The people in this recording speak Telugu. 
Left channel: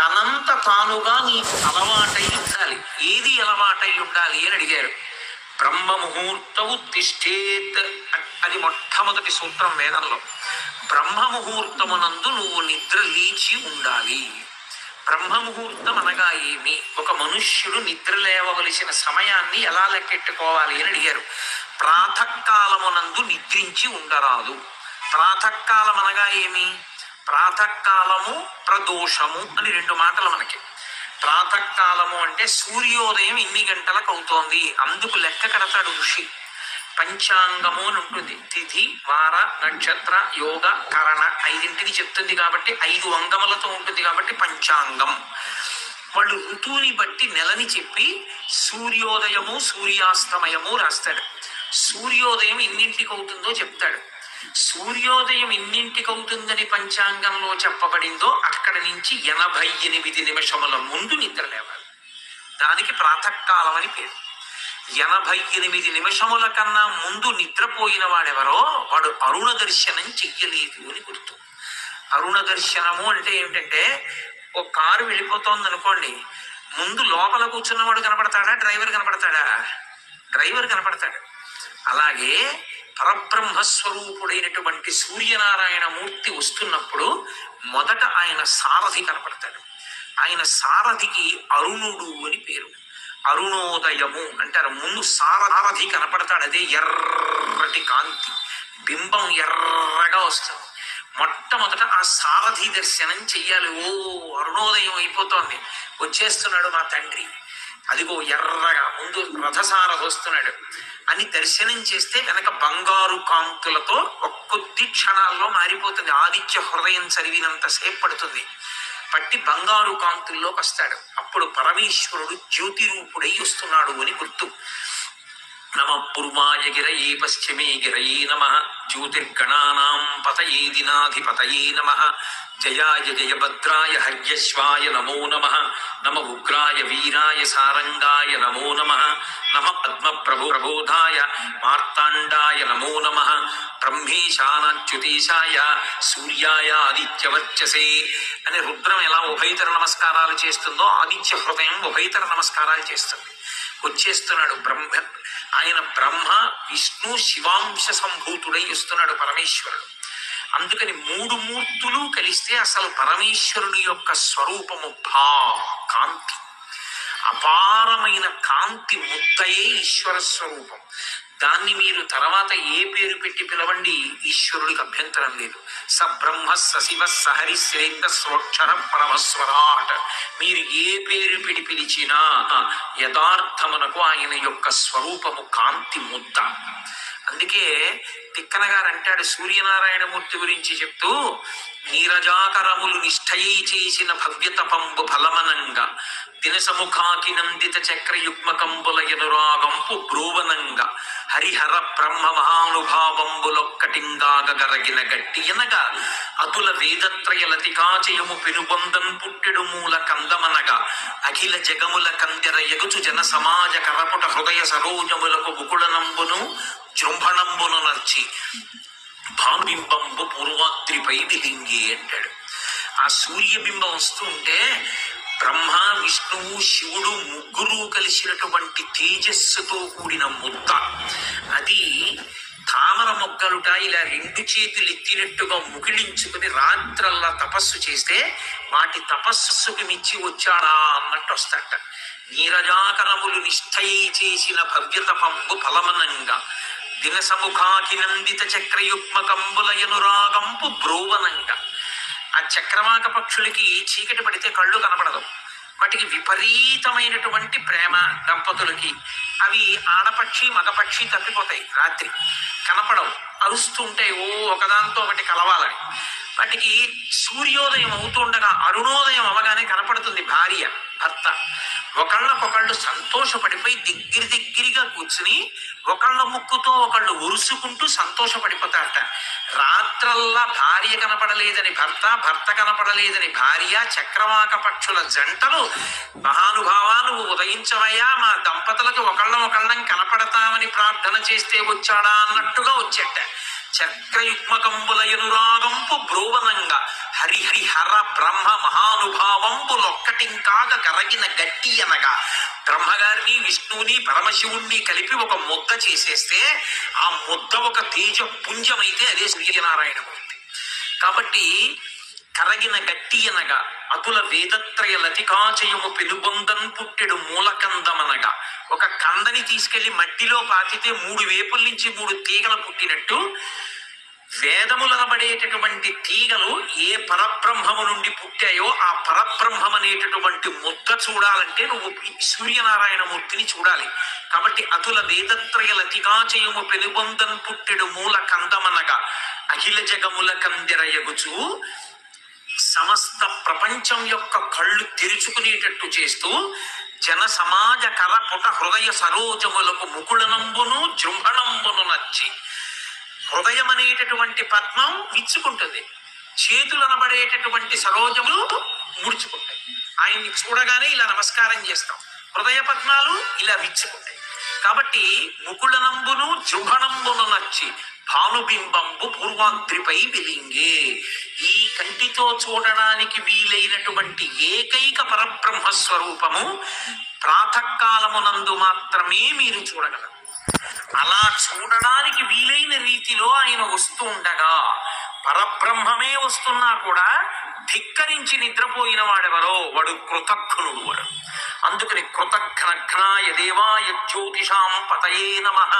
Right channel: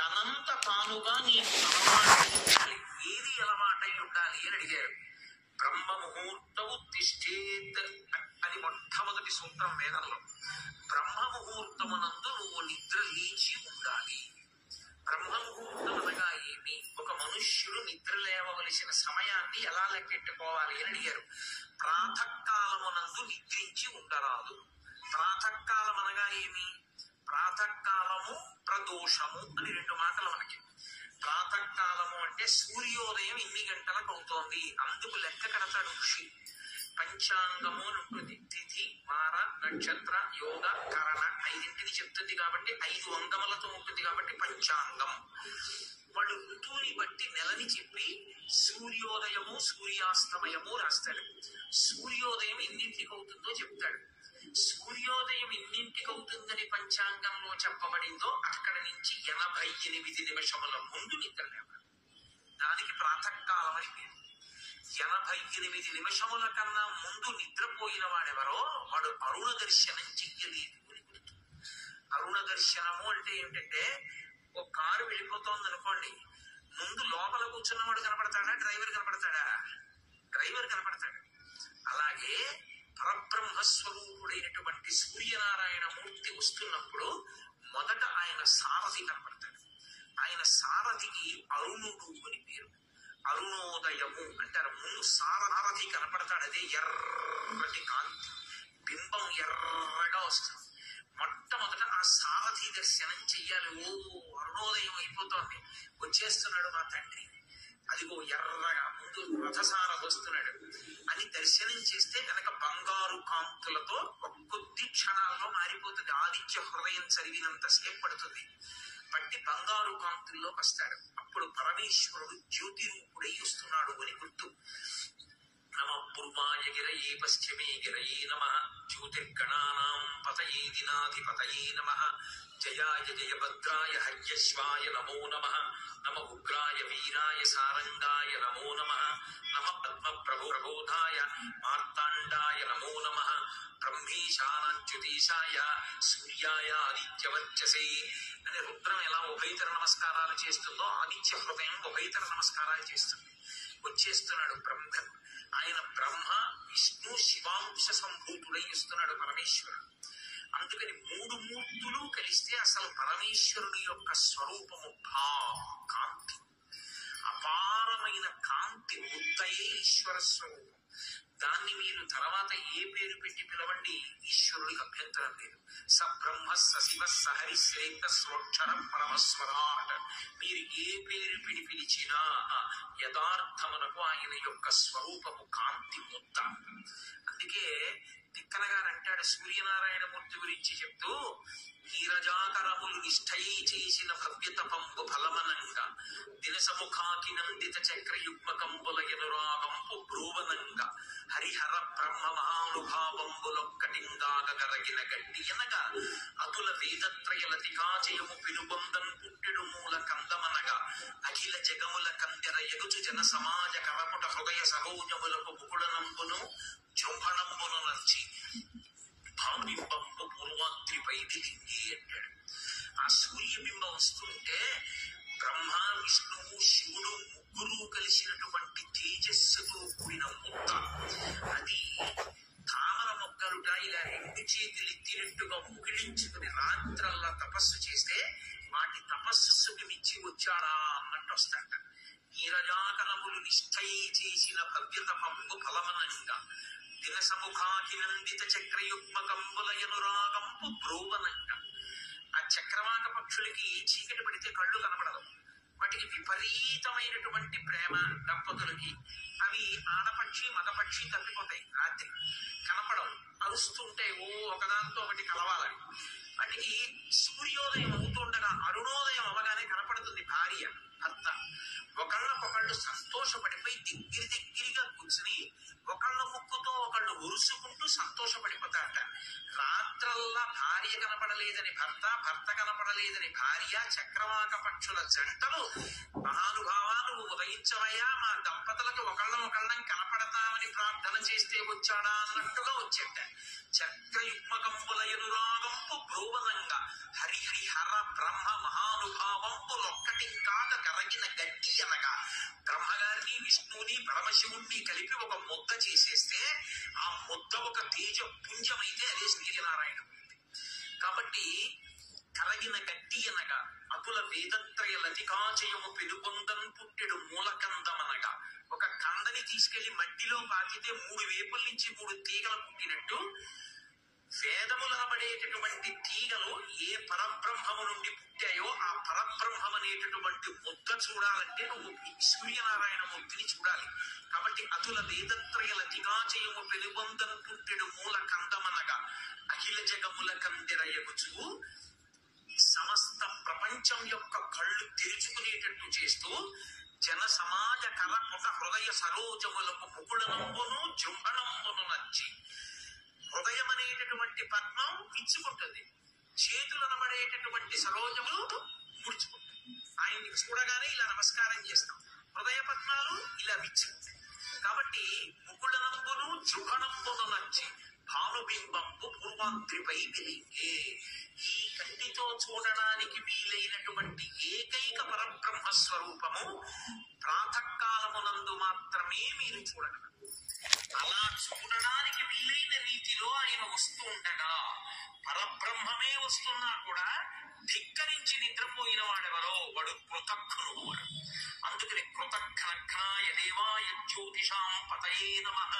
తనంత తానుగా నీకు అలవాటై ఉండాలి. ఏది అలవాటై ఉండాలి అని అడిగారు. బ్రహ్మ ముహూర్తవు తిష్టేత్, అది మొట్టమొదటి సూత్రం వేదంలో. బ్రహ్మ ముహూర్తమునందు నువ్వు నిద్ర లేచి ఉండాలి. బ్రహ్మ ముహూర్తం అనగా ఏమి? ఒక మనుష్యుడు నిద్ర లేవవలసిన సమయాన్ని ఎలా లెక్కెట్టుకోవాలి అని అడిగారు. ప్రాతకాలమునందు నిద్రించి ఉండరాదు. ప్రాతకాలం అనగా ఏమి? ప్రాతకాలము ప్రదోషము అని రెండు మాటలు మనకి. ప్రాతకాలము అంటే సూర్యోదయం ఇన్ని గంటలకు అవుతోంది, అందుకు లెక్క కడతాడు ఋషి. పంచాంగము అని ఉంటుంది. తిథి, వార, నక్షత్ర, యోగ, కరణ ఐదింటిని చెప్తుంది కాబట్టి 5 అంగములతో ఉంటుంది కాబట్టి పంచాంగం. వాళ్ళు ఋతువుని బట్టి నెలని చెప్పి సూర్యోదయము సూర్యాస్తమయము రాస్తాడు. సూర్యోదయం ఇన్నింటికి అవుతుందో చెప్తాడు. సూర్యోదయం ఇన్నింటికి అవుతుందని పంచాంగంలో చెప్పబడిందో అక్కడి నుంచి 88 నిమిషముల ముందు నిద్ర లేవాలి. దానికి ప్రాతకాలం అని పేరు. 88 నిమిషముల కన్నా ముందు నిద్రపోయిన వాడెవరో వాడు అరుణ దర్శనం చెయ్యలేదు అని గుర్తు. అరుణ దర్శనము అంటే ఏమిటంటే, ఓ కారు వెళ్ళిపోతోంది అనుకోండి, ముందు లోపల కూర్చున్నవాడు కనపడతాడా, డ్రైవర్ కనపడతాడా? డ్రైవర్ కనపడతాడు. అలాగే పరబ్రహ్మస్వరూపుడైనటువంటి సూర్యనారాయణ మూర్తి వస్తున్నప్పుడు మొదట ఆయన సారథి కనపడతాడు. ఆయన సారథికి అరుణుడు అని పేరు. అరుణోదయము అంటారు. ముందు సారథి కనపడతాడు. అదే ఎర్రటి కాంతి, బింబం ఎర్రగా వస్తుంది. మొట్టమొదట ఆ సారథి దర్శనం చెయ్యాలి. ఓ అరుణోదయం అయిపోతోంది, వచ్చేస్తున్నాడు మా తండ్రి, అదిగో ఎర్రగా ముందు రథసారథి వస్తున్నాడు అని దర్శనం చేస్తే కనుక బంగారు కాంతులతో ఒక్కొద్ది క్షణాల్లో మారిపోతుంది. ఆదిత్య హృదయం చదివినంత సేపు పడుతుంది. పట్టి బంగారు కాంతుల్లోకి వస్తాడు. అప్పుడు పరమేశ్వరుడు జ్యోతి రూపుడై వస్తున్నాడు అని గుర్తు. నమ పూర్వాయ గిరయే పశ్చిమే గిరయే నమ, జ్యోతిర్గణానాం పతయే దినాధిపతయే నమ, జయాయ జయభద్రాయ హర్యశ్వాయ నమో నమ, నమ ఉగ్రాయ వీరాయ సారంగాయ నమో నమ, నమ పద్మ ప్రబోధాయ మార్తాండాయ నమో నమ, బ్రహ్మేశానాచ్యుతేశాయ సూర్యాయ ఆదిత్యవర్చసే అని రుద్రం ఎలా ఉభయతర నమస్కారాలు చేస్తుందో ఆదిత్య హృదయం ఉభయతర నమస్కారాలు చేస్తుంది. వచ్చేస్తున్నాడు బ్రహ్మ. ఆయన బ్రహ్మ విష్ణు శివాంశ సంభూతుడై వస్తున్నాడు పరమేశ్వరుడు. అందుకని 3 మూర్తులు కలిస్తే అసలు పరమేశ్వరుని యొక్క స్వరూపము కాంతి, అపారమైన కాంతి ముద్దయే ఈశ్వర స్వరూపం. దాన్ని మీరు తర్వాత ఏ పేరు పెట్టి పిలవండి, ఈశ్వరుడికి అభ్యంతరం లేదు. స బ్రహ్మ సశివ సహరి శ్రేంద స్వక్షర పరమస్వరాట్. మీరు ఏ పేరు పెట్టి పిలిచినా యథార్థమునకు ఆయన యొక్క స్వరూపము కాంతి ముద్ద. అందుకే తిక్కన గారు అంటాడు సూర్యనారాయణమూర్తి గురించి చెప్తూ, నీరజాకరములు నిష్ఠయై చేసిన భవ్యతపంబు ఫలమనంగా దినసముఖాకి నందిత చక్రయుగ్మకంబుల ఎనురాగంపు బ్రోవనంగా హరిహర బ్రహ్మ మహానుభావంబులొక్కటింగాగరగిన గట్టి ఎనగా అతుల వేదత్రయ లతికాచయము పెనుబొందన్ పుట్టెడు మూల కందమనగా అఖిల జగముల కందెర ఎగుచు జన సమాజ కరపుట హృదయ సరోజములకు ముకుళనంబును జృంభణంబును నర్చి భానుబింబంబు పూర్వాద్రిపై విలింగి అంటాడు. ఆ సూర్యబింబం వస్తూ ఉంటే బ్రహ్మ విష్ణువు శివుడు ముగ్గురు కలిసినటువంటి తేజస్సుతో కూడిన ముద్ద. అది తామర మొగ్గలుట ఇలా 2 చేతులు ఎత్తినట్టుగా ముగిలించుకుని రాత్రల్లా తపస్సు చేస్తే వాటి తపస్సుకి మించి వచ్చాడా అన్నట్టు వస్తాట. నీరజాకరములు నిష్ఠయై చేసిన భవ్యతపంబు ఫలమనంగా దినసముఖాకి నందిత చక్రయుగ్మకంబుల ఎనురాగంపు బ్రోవనంగా. ఆ చక్రవాక పక్షులకి చీకటి పడితే కళ్ళు కనపడదు. వాటికి విపరీతమైనటువంటి ప్రేమ దంపతులకి. అవి ఆడపక్షి మగపక్షి తప్పిపోతాయి, రాత్రి కనపడవు, అరుస్తుంటాయి ఓ ఒకదాంతో ఒకటి కలవాలని. వాటికి సూర్యోదయం అవుతుండగా అరుణోదయం అవగానే కనపడుతుంది భార్య భర్త. ఒకళ్ళకొకళ్ళు సంతోషపడిపోయి దగ్గరగా కూర్చుని ఒకళ్ళ ముక్కుతో ఒకళ్ళు ఉరుసుకుంటూ సంతోషపడిపోతారట. రాత్రల్లా భార్య కనపడలేదని భర్త, భర్త కనపడలేదని భార్య, చక్రవాక పక్షుల జంటలు మహానుభావా నువ్వు ఉదయించవయ్యా, మా దంపతులకు ఒకళ్ళం కనపడతామని ప్రార్థన చేస్తే వచ్చాడా అన్నట్టుగా వచ్చేట. చక్రయుగ్మకంబుల ఎనురాగంపు బ్రోవనంగా హరిహర బ్రహ్మ మహానుభావంబులో గట్టింకాగ కరగిన గట్టి అనగా బ్రహ్మగారిని విష్ణువుని పరమశివుణ్ణి కలిపి ఒక ముద్ద చేసేస్తే ఆ ముద్ద ఒక తేజ పుంజమైతే అదే సూర్యనారాయణమూర్తి. కాబట్టి కరగిన గట్టి అనగా అతుల వేదత్రయ లతికాచయము పెనుబొందన్ పుట్టెడు మూలకందమనగా, ఒక కందని తీసుకెళ్లి మట్టిలో పాతితే 3 వేపుల నుంచి 3 తీగలు పుట్టినట్టు వేదములనబడేటటువంటి తీగలు ఏ పరబ్రహ్మము నుండి పుట్టాయో ఆ పరబ్రహ్మం అనేటటువంటి ముద్ద చూడాలంటే నువ్వు సూర్యనారాయణమూర్తిని చూడాలి. కాబట్టి అతుల వేదత్రయ లతికాచయము పెనుబొందన్ పుట్టెడు మూల కందమనగా అఖిల జగముల కందెరయగుచు సమస్త ప్రపంచం యొక్క కళ్ళు తెరుచుకునేటట్టు చేస్తూ జన సమాజ కరపుట హృదయ సరోజములకు ముకుళనంబును జృంభణంబును నచ్చి, హృదయం అనేటటువంటి పద్మం విచ్చుకుంటుంది, చేతులు అనబడేటటువంటి సరోజములు ముడుచుకుంటాయి. ఆయన్ని చూడగానే ఇలా నమస్కారం చేస్తాం, హృదయ పద్మాలు ఇలా విచ్చుకుంటాయి. కాబట్టి ముకుళనంబును జృంభణంబును నచ్చి భానుబింబంబు పూర్వాద్రిపై వెలింగే. ఈ కంటితో చూడడానికి వీలైనటువంటి ఏకైక పరబ్రహ్మ స్వరూపము ప్రాతకాలమునందు మాత్రమే మీరు చూడగలరు. అలా చూడడానికి వీలైన రీతిలో ఆయన వస్తూ ఉండగా పరబ్రహ్మమే వస్తున్నా కూడా ధిక్కరించి నిద్రపోయిన వాడెవరో వాడు కృతఘ్నుడు. వాడు అందుకని కృతఘ్నఘ్నాయ దేవాయ జ్యోతిషాం పతయే నమః